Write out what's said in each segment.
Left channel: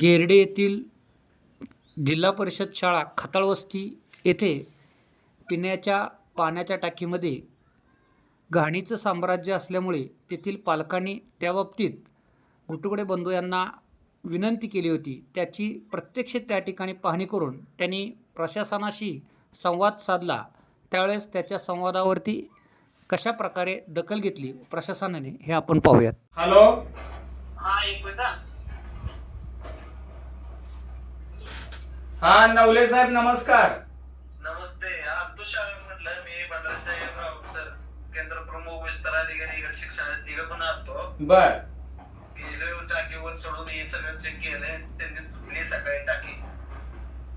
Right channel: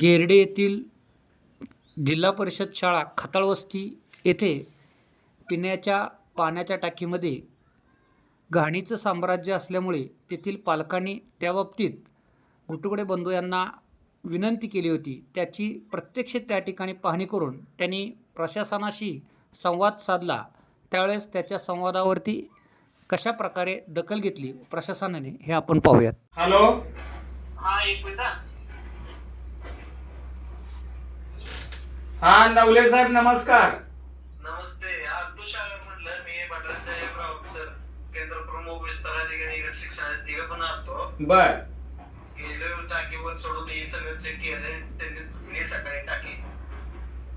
गेरडे येथील जिल्हा परिषद शाळा खताळवस्ती येथे पिण्याच्या पाण्याच्या टाकीमध्ये घाणीचं साम्राज्य असल्यामुळे तेथील पालकांनी त्याबाबतीत गुटुगडे बंधू यांना विनंती केली होती. त्याची प्रत्यक्ष त्या ठिकाणी पाहणी करून त्यांनी प्रशासनाशी संवाद साधला. त्यावेळेस त्याच्या संवादावरती कशा प्रकारे दखल घेतली प्रशासनाने हे आपण पाहूयात. हॅलो, हा नवले साहेब नमस्कार. नमस्ते. तुषार म्हटलं मी भद्रासाहेब सर केंद्र प्रमुख विस्तार अधिकारी शिक्षण तिघ पण असतो. बर. गेले टाकीवर सोडून हे सगळं चेक केलंय. त्यांनी तुटली सकाळी टाकी.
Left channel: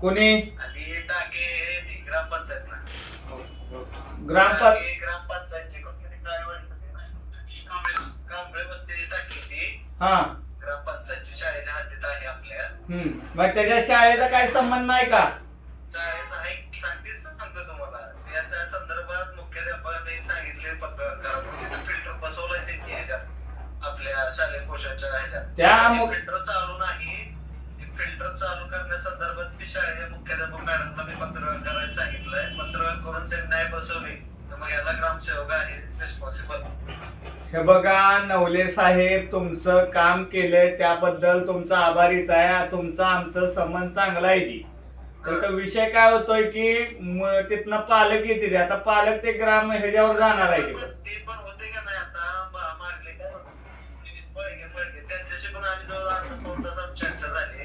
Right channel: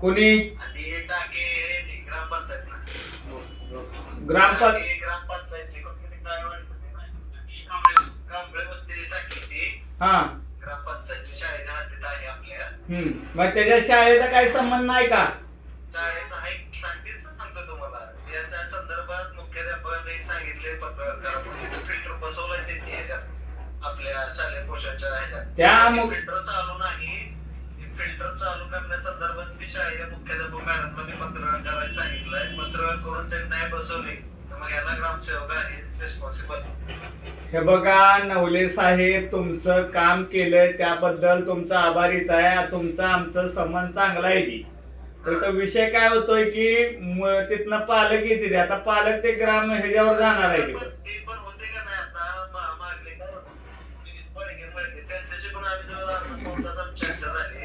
कोणी? आणि हे टाकी ग्रामपंचायत ग्रामपंचायतची कांबळे बसलेली टाकी ती हा ग्रामपंचायतची शाळेच्या हद्दीत आहे आपल्या. मग त्याच्या शाळेचा काही संबंध नाही का? शाळेचा आहे सांगतेच सांगतो तुम्हाला. त्या संदर्भात मुख्याध्यापकांनी सांगितले पत्रकार फिल्टर बसवलंय त्यांनी ह्याच्यात आपल्या शालेय पोषणच्या ह्याच्यात. त्या फिल्टर चालू नाही. फिल्टर चालू करण्यासंदर्भात मी शाळेच्या मुख्याध्यापक मॅडमला मी पत्र करायला सांगितलंय. पत्र करून त्यांनी नाही बसवले तर मग याला ग्रामसेवक आहे रिस्पॉन्सिबल. हे बघा नवले साहेब, तुमचं काम केलंय त्याबद्दल तुमचा आभारीच आहे. तुमचा आमचं संबंध चांगला आहे ती. तर विषय काय होतोय की तिथनं पालक येते. आता पालक ते ग्राम ह्याच्यावर जाणार आहे. ते पण होते का नाही आता मागले त्यांच्याशी पण आम्ही जवळ चर्चा झाली.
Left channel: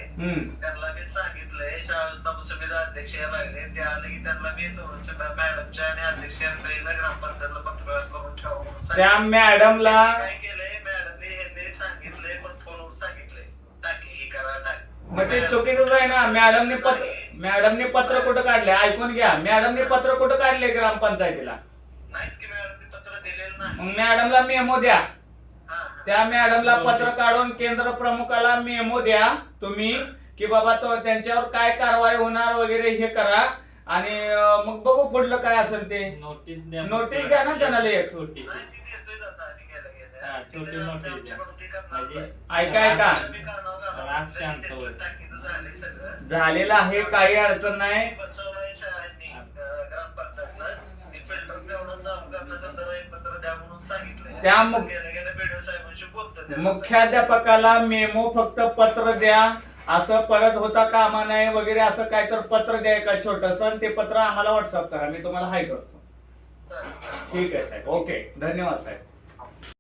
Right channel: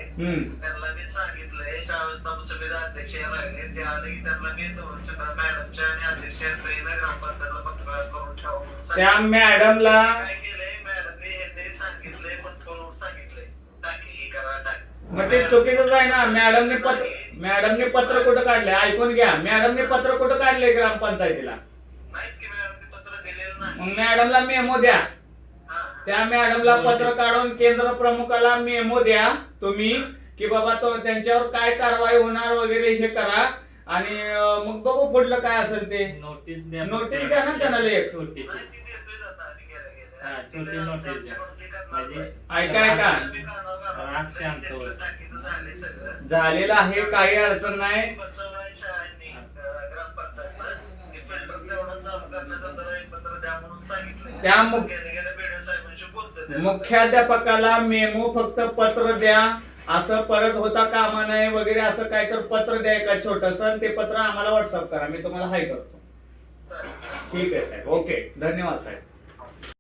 त्यांना मी सांगितलंय शाळा समिती अध्यक्ष या लागले ते आले की त्यांना मी मॅडमच्या आणि अध्यक्ष सहीला ग्रामपंचायतला पत्र करून ठेवा. त्या मॅडमला काय केलंय मॅडमने हे सांगितलंय पण फोनवर सांगितलंय टाकी ही करा. मग ते चुकीचंच आहे ना. मॅडमने पत्र कुठं काढले ऐकून घ्या. मॅडमने पत्र कुठं काढले ग्रामपंचायतीला? नाहीच की मॅडमने पत्र दिलेलं नाही. मग मॅडमला मेमो द्या. त्या मॅडमला पत्र काढून केंद्र प्रमुखाला मेमो द्या तुम्ही की बाबा तो त्यांच्यावर काय कारवाई होणार वगैरे हे करा. आणि मग बघू पुढलं काय असेल ते. नोटीस द्या ना त्यांना एक छोटीशी. छोटी नोटीस द्या. ऐका झालेलं आहे, काही अडचण नाही. त्या मुख्याध्यापकाला मेमो फक्त पत्र द्या. असं परत होता कामा नये वगैरे असं काय तर पत्र द्या का छोटस. ते पत्र आम्हाला व्हॉट्सअप करा. मी तुम्हाला हाय करतो. ठीक आहे साहेब. ओके, धन्यवाद साहेब.